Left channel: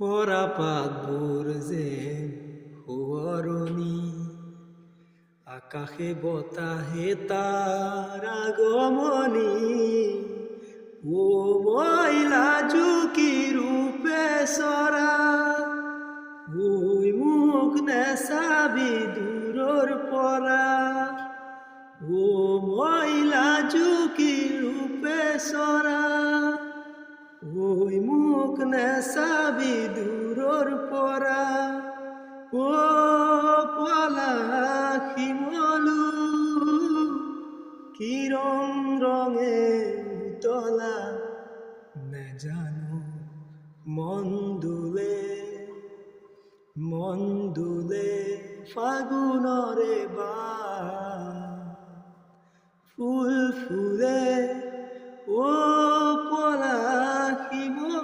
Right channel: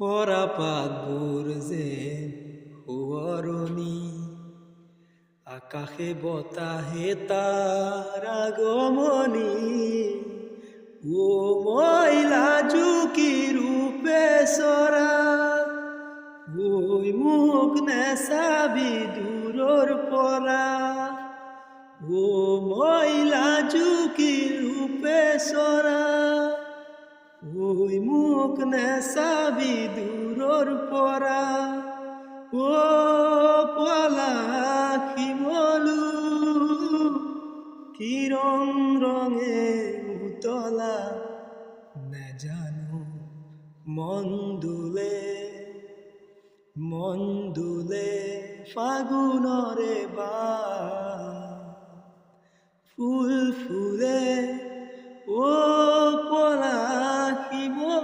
হরা পাগুর যে হুয়রণী আকাশে বতাহে তার আগমনী ও ময়লা জুকি রূপে সরা ওই মুখ নেশাবি দূরর পরা ও ময়লা জুকি রূপে সরা ওই মুখ নেশাবি দূরর পরা ও পলাখি মলু কি রং রঙে উতলা নে জানো মন দুলে ফাগুনরে বা ফুল